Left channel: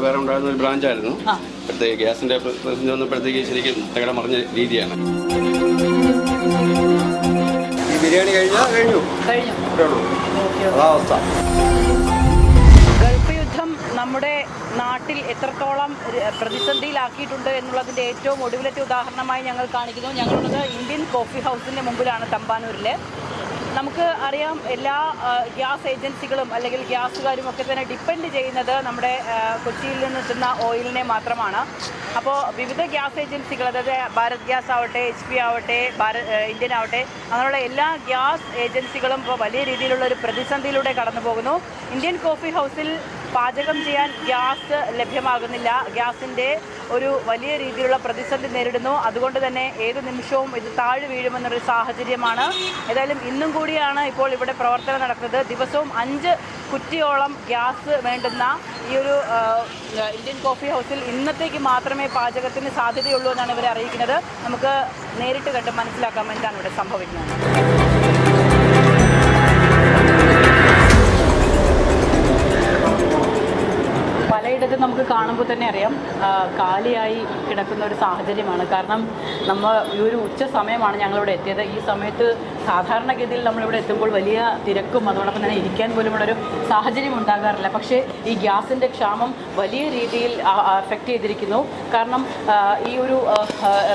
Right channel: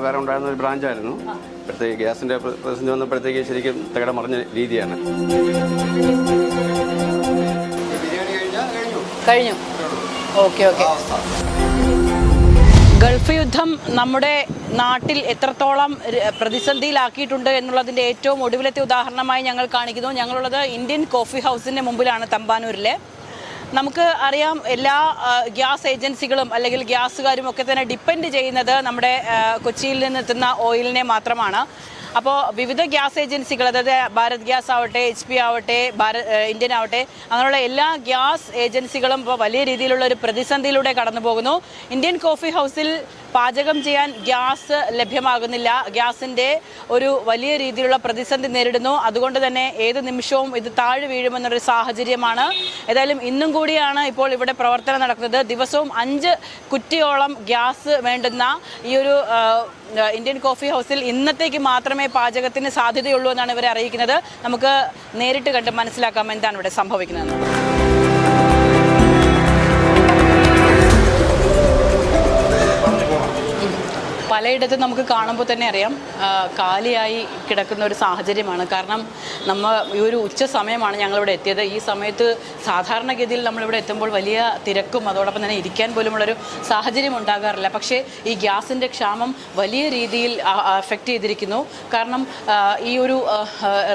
വ്യാപാരം ഉണ്ടായിരുന്ന ഒരു ബ്രാഞ്ചായിരുന്നു. ഇപ്പോഴത്തേക്ക് ഗ്യാസിന്റെ പ്രതിസന്ധി വന്നപ്പോഴത്തേക്ക് ശരിക്കും തകടം മറിഞ്ഞ രീതിയാണ്. ബിരിയാണി കഴിഞ്ഞു. ഗൾഫ് യുദ്ധം നമ്മുടെ നാട്ടിൽ എത്രത്തോളം പ്രതിസന്ധിയിലാക്കിയിട്ടുണ്ട് എന്നുള്ളതിൻ്റെ ഏറ്റവും ഒടുവിലത്തെ ഉദാഹരണമായി ഞങ്ങൾ കാണിക്കുന്നു. ഞങ്ങളുള്ളത് ഇന്ത്യൻ കോഫി ഹൗസിൻ്റെ മുമ്പിലാണ് തമ്പാനൂരിൽ. നമുക്ക് അറിയാം, എല്ലാ ഗ്യാസ് ഏജൻസികളും അല്ലെങ്കിൽ ഗ്യാസുകാരും ഒക്കെ തന്നെ ഡിപ്പെൻഡ് ചെയ്യുന്നത് നമ്മുടെ കൊച്ചിയിൽ നിന്നെത്തുന്ന ഓയിലിനെ മാത്രമാണ്. അപ്പോൾ വിവിധ ഗ്യാസ് ഏജൻസികൾ, അതായത് ഭാരത് ഗ്യാസ് ആവട്ടെ, HP ആവട്ടെ, ഇന്ത്യൻ ആവട്ടെ, അങ്ങനെയുള്ള എല്ലാ ഗ്യാസ് ഏജൻസികളും ഇപ്പോൾ വലിയ രീതിയിലുള്ള ഒരു പ്രതിസന്ധിയിലൂടെ കടന്നു പോകുന്നു. ഇന്ത്യൻ കോഫി ഹൗസിൽ പാചകം ചെയ്യാൻ ഗ്യാസ് ലഭ്യമാകുന്നില്ല. ഗ്യാസിൻ്റെ ഒരു വലിയ രീതിയിലുള്ള പ്രതിസന്ധി നേരിടുന്നു. അതുകൊണ്ട് തന്നെ ഏത് നിമിഷവും ഇത് താഴെ വീഴുമെന്നൊരു സാഹചര്യമാണ്. ഏതായാലും ഇന്നും കൂടിയാണ് ഇപ്പോൾ ഇവിടെ പ്രവർത്തനം നടക്കുന്നത്. ദിവസവും 5 കുറ്റിയോളം ഗ്യാസ് വേണ്ടുന്ന ഈ ഒരു ഇന്ത്യൻ കോഫി ഹൗസിൽ ഇന്നത്തേക്ക് മാത്രമേ പാചകത്തിന് സാധ്യതയുള്ളൂ എന്നാണ് ഇവരെ അറിയിക്കുന്നത്. നമുക്ക് നേരിട്ട് കണ്ട് മനസ്സിലാക്കാം എന്താണ് ഇവിടെ സംഭവിക്കുന്നത്. പലയിടത്ത് നമുക്ക് കാണുമ്പോൾ തന്നെ അറിയാം, കാലിയായി കിടക്കുന്ന ഒരു സാഹചര്യമാണ്. കാരണം നമ്മൾ ഈ ഒരു ഉച്ച സമയമാണ് ഞങ്ങളിവിടെ എത്തിയത്. ഈ സമയത്ത് സാധാരണഗതിയിൽ നമ്മളിവിടെ എത്തുമ്പോൾ വലിയ തിരക്കും അതോടൊപ്പം തന്നെ ഇരിക്കാൻ പോലുമുള്ളൊരു സാഹചര്യം ഉണ്ടാകാറില്ല. പക്ഷേ ഈ ഗ്യാസിൻ്റെ ക്ഷാമം വലിയ രീതിയിൽ അഫക്റ്റ് ചെയ്തിരിക്കുന്നു. കാരണം ഈ ഒരു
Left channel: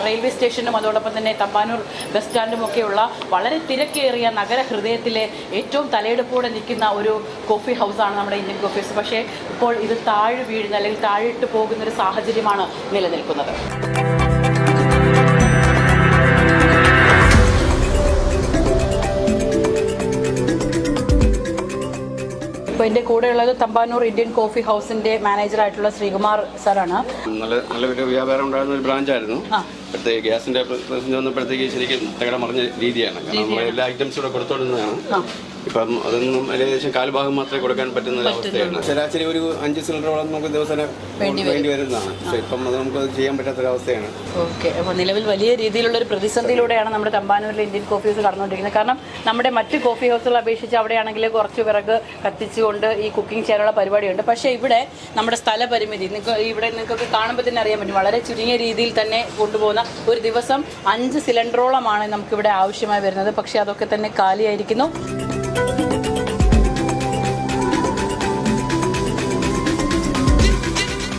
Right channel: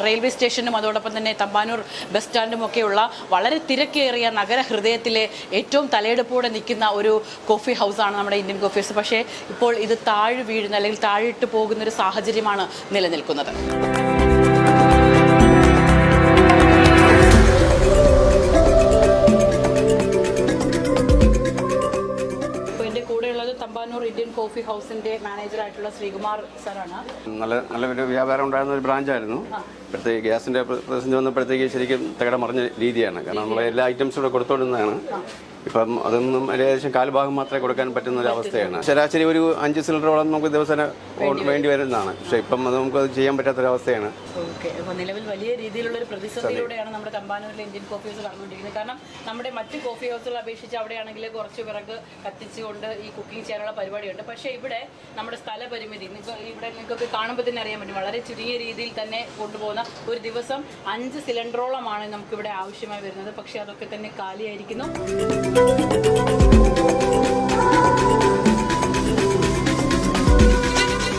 റെയിൽവേ സ്റ്റേഷനും അതോടൊപ്പം തന്നെ തമ്പാനൂർ ബസ് സ്റ്റാൻഡും ഒക്കെയുള്ള വളരെ തിരക്കേറിയ നഗരഹൃദയത്തിലെ ഏറ്റവും തലയെടുപ്പോടെ നിൽക്കുന്ന ഒരു കോഫി ഹൗസാണ് നമ്മുടെ ഇന്ത്യൻ കോഫി ഹൗസ്. പക്ഷേ ഇപ്പോൾ ഇത് താഴെ വീഴുന്ന അല്ലെങ്കിൽ താഴിട്ട് പോകുന്നൊരു സാഹചര്യമാണ് നിലനിൽക്കുന്നത്. ഇപ്പോൾ എൻ്റെ കൂടെയുള്ളത് തമ്പാനൂർ ഇന്ത്യൻ കോഫി ഹൗസിന്റെ മാനേജറായിട്ടുള്ള ശ്രീകുമാർ സാറാണ്. നല്ല വ്യാപാരം ഉണ്ടായിരുന്ന ഒരു ബ്രാഞ്ചായിരുന്നു. ഇപ്പോഴത്തേക്ക് ഗ്യാസിന്റെ പ്രതിസന്ധി വന്നപ്പോഴത്തേക്ക് ശരിക്കും തകടം മറിഞ്ഞ രീതിയാണ്. കാരണം എല്ലാ ഐറ്റംസും കൂടെ കൊടുത്തോണ്ടിരുന്നതാണ്. ഇപ്പം അതൊന്നും ഏകദേശം കാൽഭാഗം മാത്രമേ കൊടുക്കാൻ പറ്റുന്ന അവസ്ഥയാണ്. ശരാശരി ഒരു 5 സിലിണ്ടറോളം നമുക്ക് ദിവസേന വേണ്ടി വരുന്നതാണ്. പക്ഷേ ഇപ്പം അത് നമുക്ക് ചെയ്യാൻ പറ്റാത്തൊരവസ്ഥയാണ്. ഓക്കെ, അപ്പോൾ നിലവിൽ വലിയ രീതിയിലുള്ള ഒരു പ്രതിസന്ധിയിലൂടെയാണ് നമ്മുടെ തമ്പാനൂരിലെ ഇന്ത്യൻ കോഫി ഹൗസ് കടന്നുകൊണ്ടിരിക്കുന്നത്. കാരണം നമ്മുടെ മറ്റ് കോഫി ഹൗസുകളെ അപേക്ഷിച്ച് അവിടെയാണെങ്കിൽ കുറച്ച് വിറക് കത്തിച്ചുകൊണ്ട് ഈ കുക്കിംഗ് ചെയ്യാനുള്ള പരിപാടിയുണ്ട്. പക്ഷേ ഇവിടെ നമ്മുടെ സ്ഥലപരിമിതി, ഇവിടെ നിങ്ങൾക്കൊക്കെ കാണുമ്പോൾ തന്നെ അറിയാൻ പറ്റും, വളരെ ചുരുങ്ങിയ രീതിയിൽ തന്നെ കൊണ്ടുപോകുന്ന ഒരു ദിവസം 5 സിലിണ്ടറോളമാണ് നമുക്കിവിടെ ആവശ്യമായി വരുന്നത്. പക്ഷേ അതൊക്കെ തന്നെ കാലിയായിരിക്കുന്നു.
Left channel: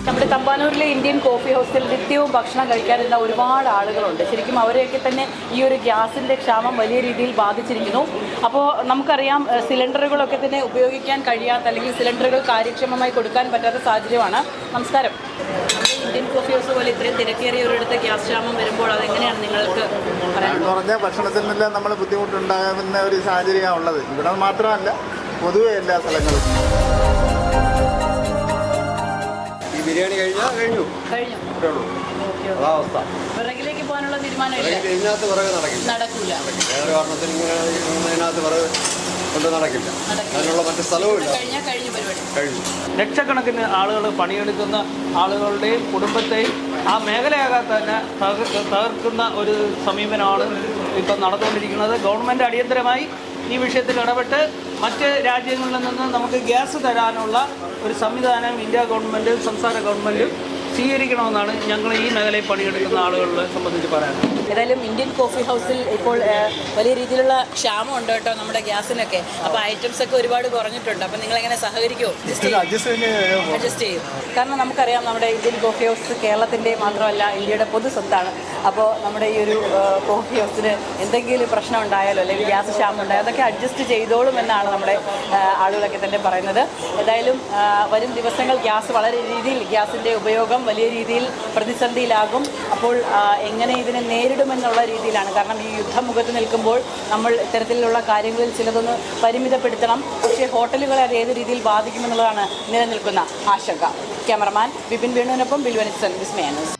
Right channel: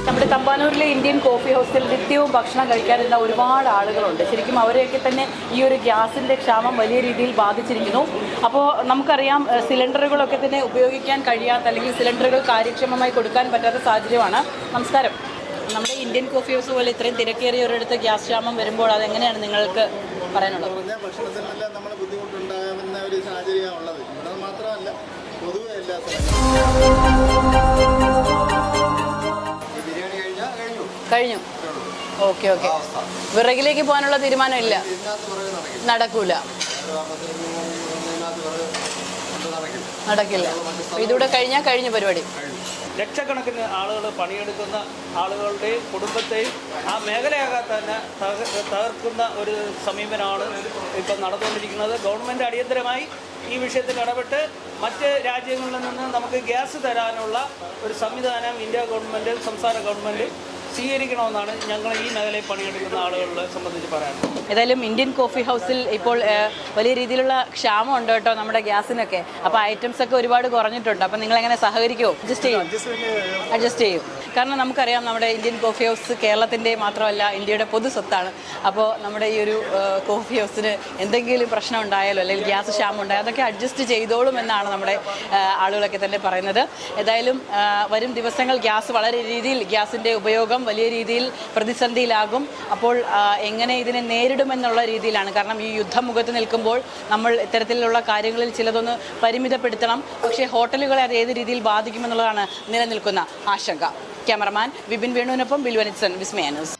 നമ്മുടെ തമ്പാനൂരിലെ ഇന്ത്യൻ കോഫി ഹൗസിൽ നിത്യവും ഭക്ഷണം കഴിക്കാനിരുന്ന ഒരുപാട് ആളുകളുണ്ട്. ശരിക്കും അവരെയൊക്കെ തന്നെ ഈ ഒരു ഗ്യാസിൻ്റെ ക്ഷാമം വലിയ രീതിയിൽ ബാധിച്ചിരിക്കുന്നു. അപ്പോൾ നമുക്കറിയാം, സിലിണ്ടറുകളൊക്കെ തന്നെ ഉപയോഗിക്കാൻ കഴിയാത്ത അല്ലെങ്കിൽ സിലിണ്ടറുകൾ കാര്യക്ഷമമായി കൊടുക്കാൻ പറ്റാത്ത സാഹചര്യമാണ്. നമസ്കാരം. നമ്മുടെ ഇന്ത്യൻ കോഫി ഹൗസ് പോലെ ഇത്രയും തിരക്കേറിയ ഒരിടത്ത് ഗ്യാസ് ക്ഷാമം വരുമ്പോൾ അതെങ്ങനെയാണ് നിങ്ങൾക്ക് പറയാനുള്ളത്? പറഞ്ഞാൽ ഭക്ഷണത്തിനെല്ലാം നമ്മൾ ബുദ്ധിമുട്ടുണ്ടാകുന്ന ഒരു സാഹചര്യമാണ് ഉള്ളത്. ഇവിടെ മാത്രമല്ല, പൊതുവെ എല്ലാ സ്ഥലങ്ങളും. ബിരിയാണി കഴിഞ്ഞു. ഓക്കെ. വിറകിലേക്ക് പോകാനുള്ള തീരുമാനമില്ല? നടക്കൂല. ഇതിലൂടെ കഴിഞ്ഞാൽ കഴിഞ്ഞ പരിപാടി. ലക്ഷക്കണക്കിന് ആളുകൾ പണിയെടുക്കുന്ന ആളുകളുടെ കുടുംബത്തെയും ആ മേഖലയാകാൻ തന്നെ തകർക്കുന്ന ഒരു സമീപനമാണ് ഇപ്പം നടന്നുകൊണ്ടിരിക്കുന്നത്. ഗവൺമെൻറ് അടിയന്തരമായി ഈ വിഷയത്തിൽ ഇടപെട്ട് മറ്റ് രാജ്യങ്ങളിൽ നിന്ന് നമുക്ക് ഗ്യാസ് തരാനുള്ള ഒരു സംവിധാനം ഇന്ത്യ ഗവൺമെൻറ്, സംസ്ഥാന ഗവൺമെൻറ് സ്വീകരിക്കണമെന്നാണ് ഞങ്ങൾ ഈ മേഖലയിൽ പണിയെടുക്കുന്ന ആളുകളെ സംബന്ധിച്ച് പറയാനുള്ളത്. ഏതായാലും ഇന്ത്യൻ കോഫി ഹൗസിൽ ഇപ്പോൾ വലിയ രീതിയിലുള്ള ക്ഷാമം ഉണ്ട് കേട്ടോ നമ്മുടെ ഗ്യാസിനൊക്കെ. അപ്പോൾ ഐറ്റംസ് ഒക്കെ ഒരുപാട് കുറഞ്ഞിട്ടുണ്ട്. അപ്പോൾ നിങ്ങളെങ്ങനെ സഹകരിക്കുമോ? അഡ്ജസ്റ്റ് ചെയ്യും. കാരണം നമുക്കറിയാം, നമ്മുടെ ഇന്ത്യൻ കോഫി ഹൗസ് കേരളത്തിൻ്റെ മാത്രമല്ല ഇന്ത്യയുടെ പൊതു സ്വത്താണ്. അപ്പോൾ നമ്മുടെ ഈ ഒരു കോഫി ഹൗസിന് എന്തെങ്കിലും പ്രശ്നം ഉണ്ടായാലോ അല്ലെങ്കിൽ ഗ്യാസ് ക്ഷാമം ഉണ്ടായാലോ അതൊക്കെ അഡ്ജസ്റ്റ് ചെയ്തോളും എന്നാണ് നമ്മുടെ ആളുകളൊക്കെ തന്നെ പറയുന്നത്. ഏതായാലും വരും ദിവസങ്ങൾ ഗ്യാസിൻ്റെ ഉപയോഗം വലിയ രീതിയിൽ പ്രതിസന്ധിയിലാകും. അപ്പോൾ എങ്ങനെ ഇതിനെ നേരിടുമെന്നുള്ള രീതിയിലാണ്. കാരണം ഈ യുദ്ധമുഖത്ത് നിൽക്കുമ്പോൾ നമ്മൾ ഇത്തരത്തിലുള്ള കാര്യങ്ങളിൽ ചിലതൊന്ന് പരിമിതപ്പെടുത്തണം. പക്ഷേ ഹോട്ടലുകളെ അത് ഏത് രീതിയിൽ ബാധിക്കുമെന്നുള്ളതാണ് നിലനിൽക്കുന്ന ആശങ്ക. ക്യാമറമാൻ വിപിൻ വേണുവിനൊപ്പം ബിൽവനിത്സൺ, വിസ്മയ ന്യൂസ്.